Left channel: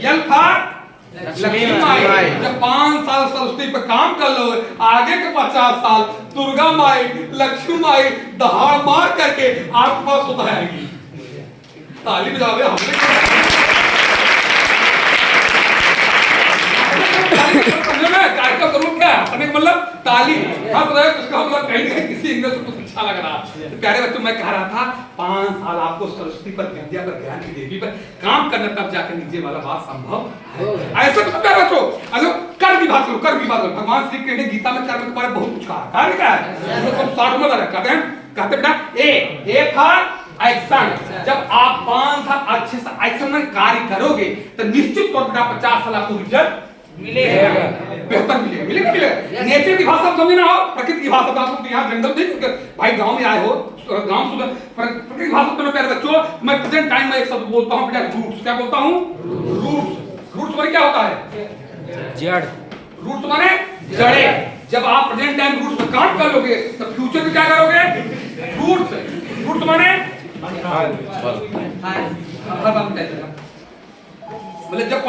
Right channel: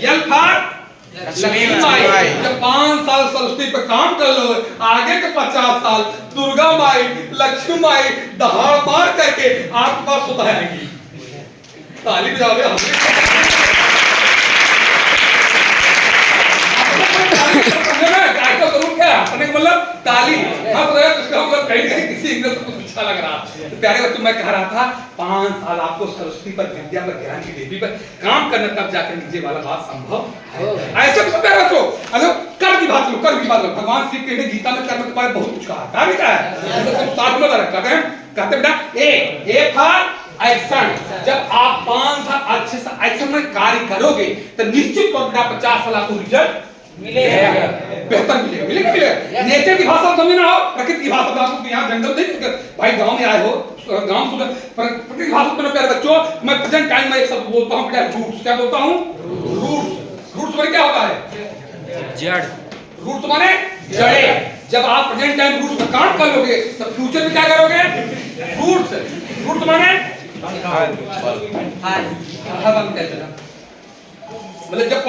यल था लक्ष्मी माई। जब 5 साल सरस्वती पे काम कर लो, आगे के 50 साल दुर्गा माई लक्ष्मी माई दहाड़ मार करके आपके पास सुधारेगी। ताली बजाओ हमने मतलब ताली हंस रहे तो इसका मतलब कहीं नहीं किसी एंगल से कुछ अच्छा लग रहा है। तो प्यारे बच्चों, मैं कह रहा था 5 साल आपको सरस्वती पर, विद्या पर, ज्ञान की देवी पर काम करना, तब जाकर नीचे वाला बात संभव है। ऐसे में प्यारे बच्चों, अगर कर्म की बात करो, कर्म की बात करो, भगवान श्री कृष्ण ने गीता में कर्म के बारे में बहुत कुछ कहा। कार्य क्या है तो सब साथ में कहते हैं बेटा ए था एक्शन। जब आप 5 साल अच्छे से एक्शन में कार्य करोगे तो निश्चित तौर पर 50 साल आपको रिजल्ट मिलेगा, बेहतर मिलेगा। नेचर की भाषा समझना हो, प्रकृति की भाषा। आप यहाँ जंगल नहीं, भाई गांव में आए हो, गांव सुन प्रकृति की भाषा सुनो प्यारे बच्चों। मैं प्रेजेंट टाइम में एक शब्द बोलता हूँ बेटा, रूट्स। क्या बोलता हूँ? रूट्स। रूट्स माने क्या होता है? जड़। रूट्स माने जड़े। जब आप प्रेजेंट टाइम रूट्स में काम कर लोगे तो फ्यूचर में क्या करोगे? रूट्स। रूट्स माने मतलब जब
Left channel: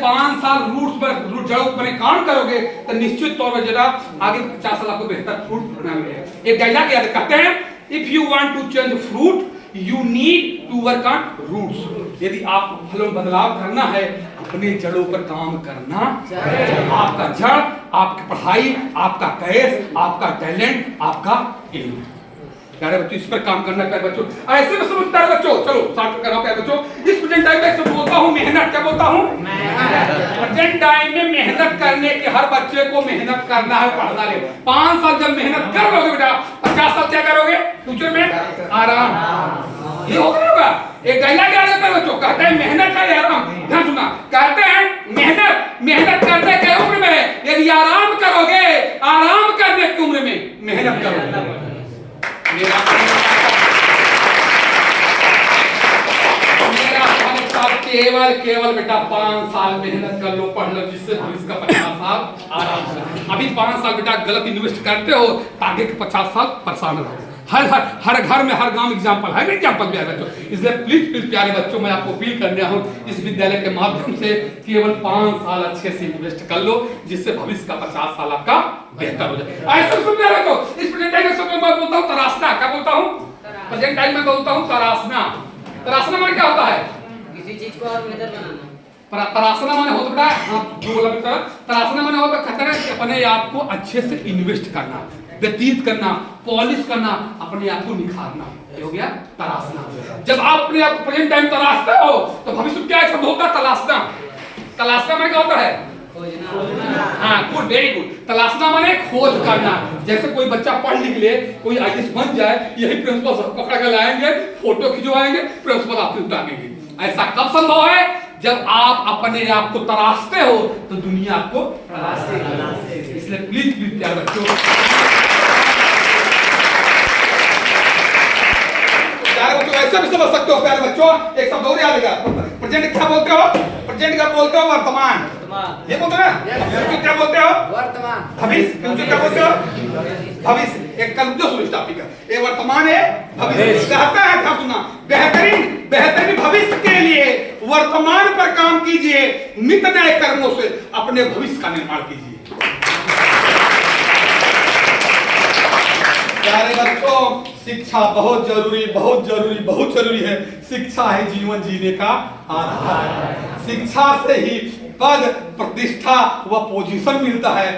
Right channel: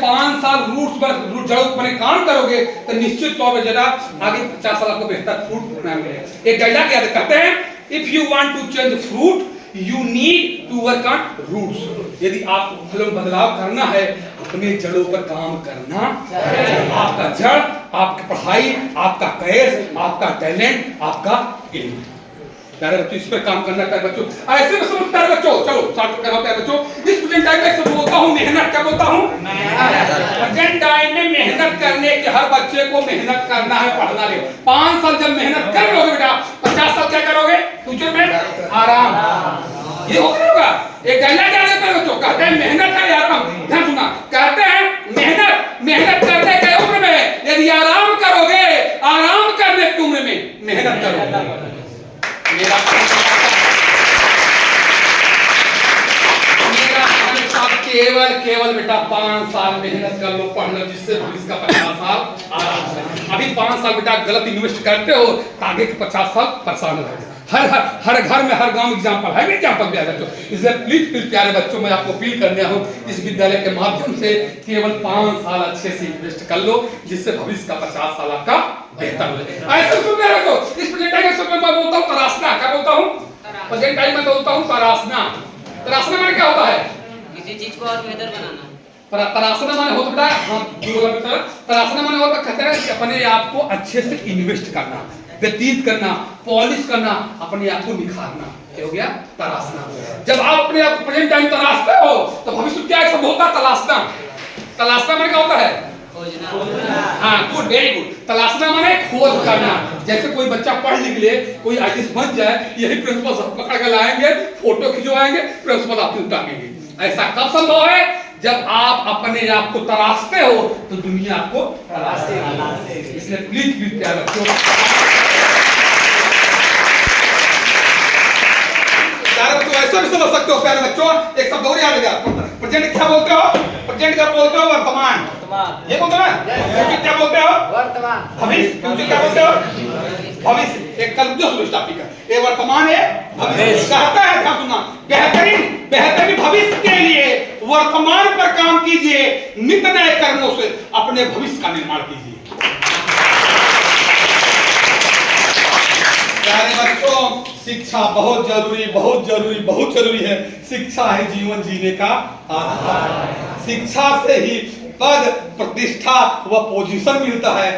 5 साल रूट्स पर जड़ों पर काम करोगे तो निश्चित तौर पर जरा आगे 50 साल आपको बेहतर फ्रूट मिलेगा। एक डायलॉग याद कहते हैं, if you want to change fruit you need to work on roots. यदि आपको फलों में बदलाव करना है, अपने जड़ों पर काम करना। आपका जड़, आपकी पढ़ाई, आपका कैरियर, आपका टैलेंट, आपका इल्म। प्यारे बच्चों, इस पर काम करना प्यारे बच्चों। ऐसे में समझ प्यारे बच्चों, चलो साथ में प्यारे बच्चों। इस प्रेजेंट टाइम में सब बोलता हूँ मेहनत। क्या बोलता हूँ? प्रेजेंट टाइम में मेहनत करने के, हर बच्चे को मेहनत करना है, पढ़ना है। 5 साल जब मेहनत कर लोगे बेटा, 50 साल क्या करोगे? फ्यूचर में आराम। ये होगा। एक डायलॉग याद है प्यारे बच्चों, कहते हैं मेहनत है आराम। ध्यान सुना, कहते हैं मेहनत करने के उम्र में यदि आराम करोगे, आराम करने की उम्र में मेहनत करोगे। मेरा केवल बेटा 5 साल मेहनत कर लो, पढ़ लो, जिससे भविष्य का 50 साल आराम से। अभी 5 साल बेटा गलत इन्वेस्ट करते हो, आगे के 50 साल परेशान रहोगे। हर घर में, हर गांव एग्जांपल है, एग्जांपल प्यारे बच्चों। इसलिए प्लीज प्यारे बच्चों, मैं आपको अपील करने हूं इस विद्यालय के माध्यम से, केवल 5 साल अच्छे से इन्वेस्ट कर लो, जिससे भविष्य का 50 साल आपका बेहतर हो जाए। ऐसा सुन प्यारे बच्चों, इस प्रेजेंट टाइम में मैं बोलता हूं तरासना। क्या बोलता हूं? प्रेजेंट टाइम में बोलता हूं तरासना। तरासना माने क्या होता है? किसी चीज को और बेहतर बनाना। तरासना माने होता बेटा, तरासना माने होता कहते हैं कि अपने आप को अच्छे से इन्वेस्ट करना, व्यतीत करना, पॉलिश करना, अपने आप को निखारना। हो गया तरासना। जब आप अपने आप को प्रेजेंट टाइम तरासते हो तो भविष्य क्या एक शब्द होता है? तलाशना। तलाशना माने क्या होता है? खोजना। हाँ, गुड, वेरी गुड। तलाशना माने खोज करना। जैसे कोई बच्चा पढ़ लिख ले, कोई आईएएस बन जाए, यही प्रिंसिपल सब पकड़ कर लाएंगे, फोटो खिंचवाएंगे, प्रिंसिपल आपसे उतारेंगे। ऐसा कब संभव है? जब आप अपने आप को तराशते हो तो दुनिया आपको तराशेगी। इसलिए प्लीज प्यारे बच्चों, ऐसा भी समझ सकते हो प्यारे बच्चों। एक शब्द और याद रखिएगा, प्रेजेंट क्या बोलते हो? प्रेजेंट का बोलते हो वर्तमान। ये बोलते ना, फ्यूचर क्या बोलते हो? वर्तमान। भविष्य, फ्यूचर क्या बोलते हो? भविष्य। एक कल जो सुनो टॉपिक है, ये वर्तमान है, भविष्य कहता है। क्या सुनना, बेहतरीन भविष्य के लिए वर्तमान पर काम कीजिए, नित नए कर्मों से अपने भविष्य का निर्माण कीजिए। प्यारे बच्चों, शिक्षा बहुत जरूरी है। शिक्षा है जीवन जीने का आधार। शिक्षा से ही पद, प्रतिष्ठा व पोजीशन मिलता है।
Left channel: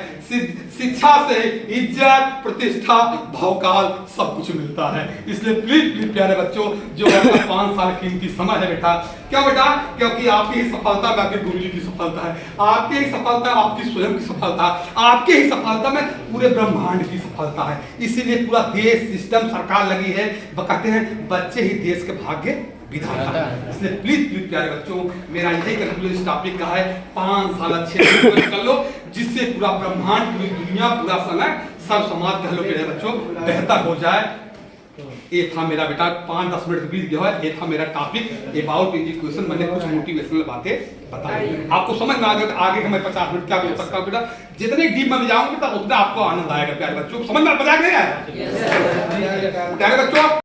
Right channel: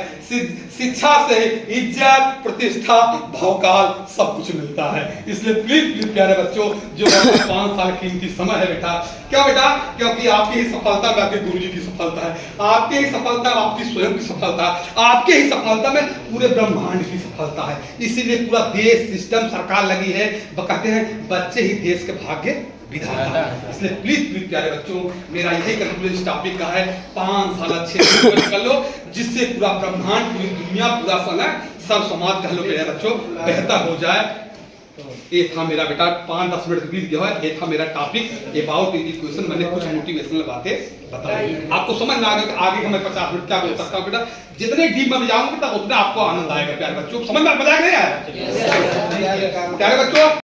शिक्षा से इज्जत, प्रतिष्ठा, भवकाल सब कुछ मिलता है। इसलिए प्लीज प्यारे बच्चों, जो 5 साल कीमती समय है बेटा, क्या बेटा, क्योंकि आपकी ही सफलता में आपके गुरुजी की सफलता है, आपके ही सफलता में आपकी स्वयं की सफलता, आपके ही सफलता में पूरे ब्रह्मांड की सफलता है। इसीलिए पूरा देश, सिस्टम, सरकार लगी है। वो कहते हैं बच्चे ही देश के भाग्य विधाता है। इसलिए प्लीज प्यारे बच्चों, मेरा यही कंक्लूजन इस का है, 5 साल अच्छे से कर लो, जिससे पूरा ब्रह्मांड, पूरी दुनिया, पूरा समय, सब समाज कह लो मेरे बच्चों बेहतर हो जाए। ये था मेरा बेटा 5-10 मिनट बीत गया है। ये था मेरा टॉपिक अबाउट एजुकेशन। मैंने कुछ मोटिवेशनल बातें बताई, आपको समझ में आ गया। आगे मैं 50 मिनट क्या बोल सकता हूँ बेटा, जितने डीप में जाऊंगे तो उतना आपको आनंद आएगा। प्यारे बच्चों, समझ में मजा आ गया प्यारे बच्चों।